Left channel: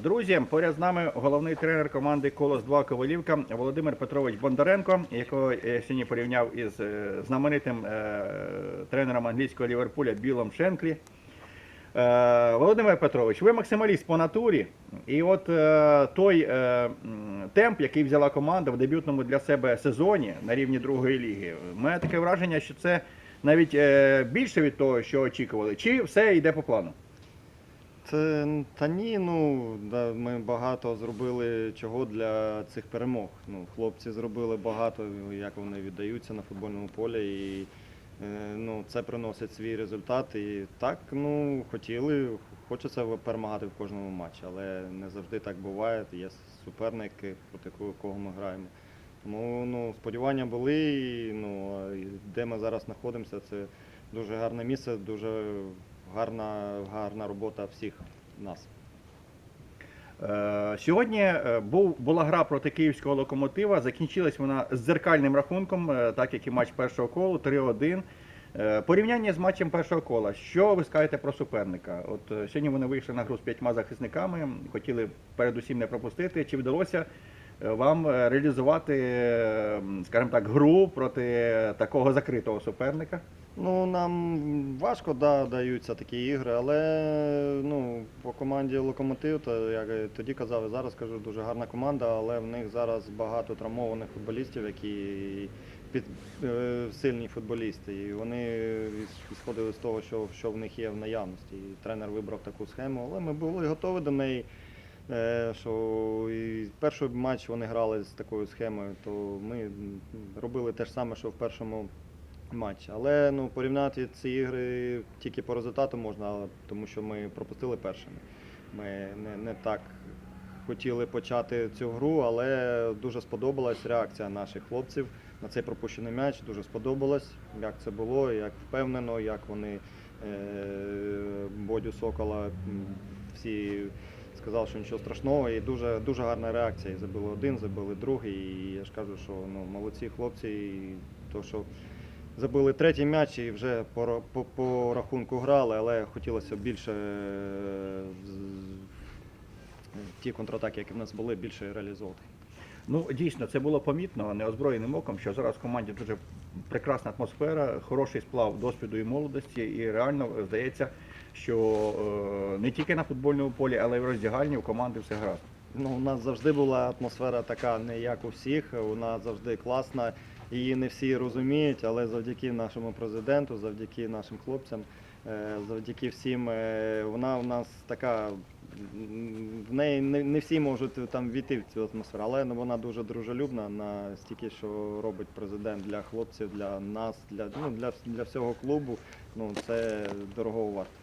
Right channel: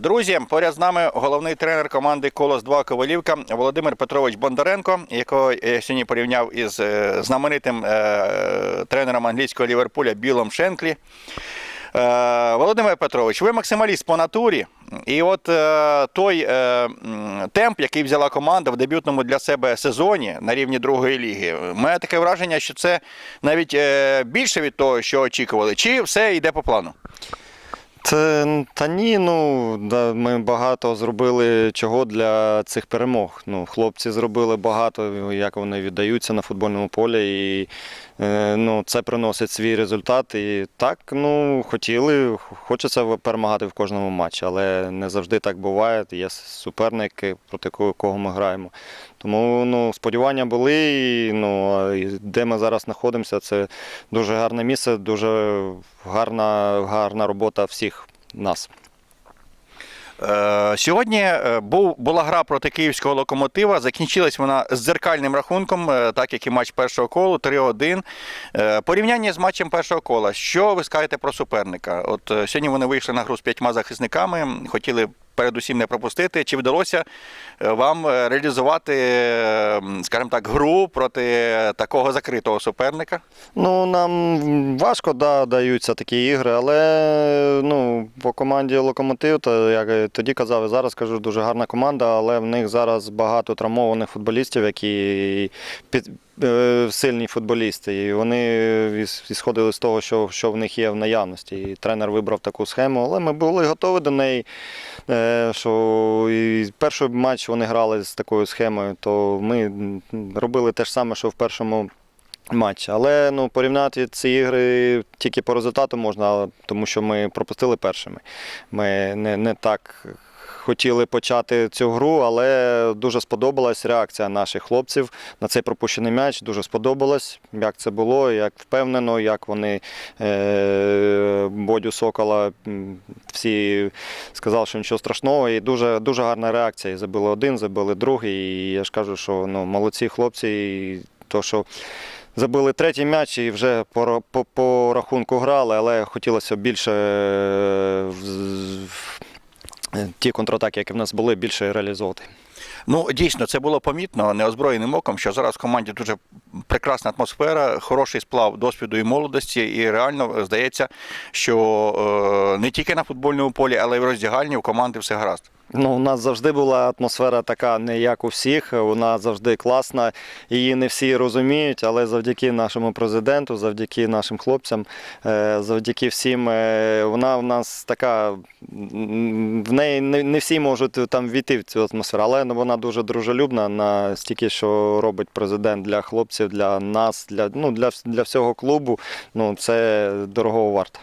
Друзі, поряд з нами головний тренер команди Колос 2 Ковалівка Володимир Петрович Бондаренко, якого я сьогодні порівняв із е, знаменитим е, тренером англійського Ліверпуля Білом Шенклі. Е, Володимир Петрович, ви максималіст по натурі. І от е, той е, темп, який взяла команда в дебютному для себе сезоні на рівні другої ліги, мене таке враження, що це навіть більше від того, що очікували, чи все йде по плану? Це та ні, ну да, ми багато зробили чого для цих перемог. Ну, хлопці зробили багато, як вони віддаються на футбольному полі, і ну, це приносить свій результат. І так, ну хотіли, хочеться перемагати в кожному матчі, але не завжди так буває. Є суперники, проти кого ми граємо. Тому ну, сподівання були, і, ну, де ми зараз знаходимося, це дуже гарне місце, дуже гарна, гарна робота всіх нас. Е, Сьогодні е, був, була гра проти київського локомотива. Закінчилась вона з дзеркальним рахунком, е, так як і матч першого колу, 3-1. Е, Порівняння з матчем першого кола. Що ви скажете про суперника? От сьогодні вони вийшли на гру з п'ятьма захисниками, хотіли передусім не пропустити. Чи вдалося е, вам е, реалізувати, е, скажімо так, гру проти такого закритого суперника? Ну, нам важко да, даються такі ігри, але ну, по команді Локомотив, то як тоді казав, і зараз кажу, дуже гарна команда, але в них зараз багато травмованих футболістів, які під, сильні футболісти. І вони ісходили з того, що, що в них є в наявності. І тренер вибрав таку схему, але ми були готові до неї. Е, Що і перший матч вони грали з такою схемою, то ми робили те ж саме, що в першому матч. Але ну, порівняти ці ігри тільки по результату можна, тому що ми пропустили першими. Ми не, не так хотіли почати цю гру, але дуже сподобалась реакція наших хлопців на цей пропущений м'яч. Дуже сподобалось, як це було, як впевнено, як вони е, Бодю Сокола всі сказали, що нічого страшного. І дуже, дуже гарна реакція. Забили один, забили другий. І я ж кажу, що ну, молодці хлопці, і то, що Забили третій м'яч і вже по, по, по рахунку грали, але хотілося більше е, ті контратаки, які в нас були, більше реалізовувати. Ну, дійсно, це було помітно неозброєним оком, що зараз в команді дуже прекрасна атмосфера, хороший сплав досвіду і молодості, і реально е, здається, що е, не тільки на футбольному полі, але й в роздягальні у команди все гаразд. Ну, у нас завжди була атмосфера така, не як у всіх. Вона завжди класна. Її не всі розуміють, але завдяки нашому президенту, завдяки нашим хлопцям, е, завдяки всім, е, вона в нас така. В неї не, не всі можуть там війти в цю атмосферу, але вона дуже дружелюбна на стільки, що робить президент для хлопців, для нас, для, ну, для, для всього клубу. Ну, це дорогого варто.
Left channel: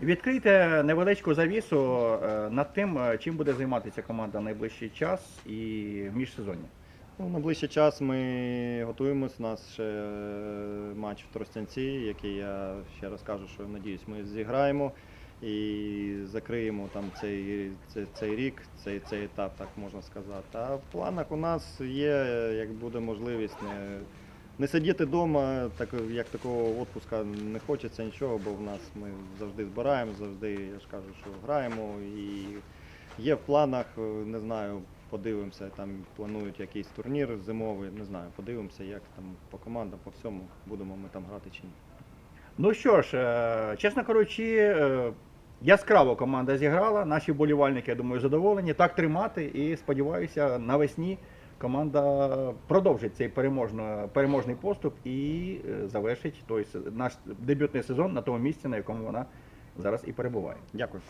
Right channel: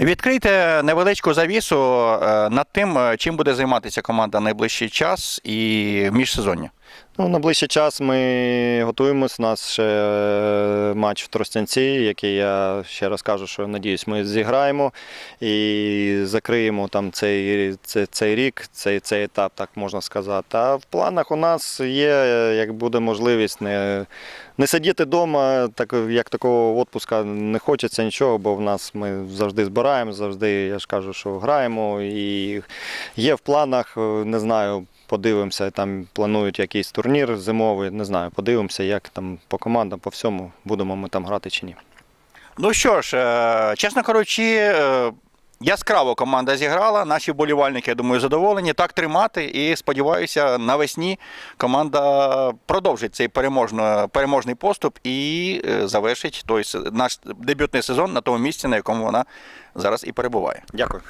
Відкрийте невеличку завісу е, над тим, е, чим буде займатися команда найближчий час і міжсезоння. Ну, на ближчий час ми готуємось. У нас ще е, матч в Тростянці, який я ще раз кажу, що надіюсь, ми зіграємо і закриємо там цей, цей, цей рік, цей, цей етап, так можна сказати. А в планах у нас є, як буде можливість, не, не сидіти вдома, так, як такого відпуска не хочеться нічого, бо в нас ми завжди збираємо, завжди, я ж кажу, що граємо. І є в планах, не знаю. Подивимося, там планують якийсь турнір зимовий, не знаю, подивимося, як там по командам, по всьому, будемо ми там грати чи ні. Ну що ж, е, чесно кажучи, е, яскраво команда зіграла. Наші вболівальники, я думаю, задоволені. Так тримати. І сподіваюся, навесні команда продовжить цей переможний поступ і е, завершить той наш дебютний сезон на тому місці, на якому вона зараз і перебуває. Дякую.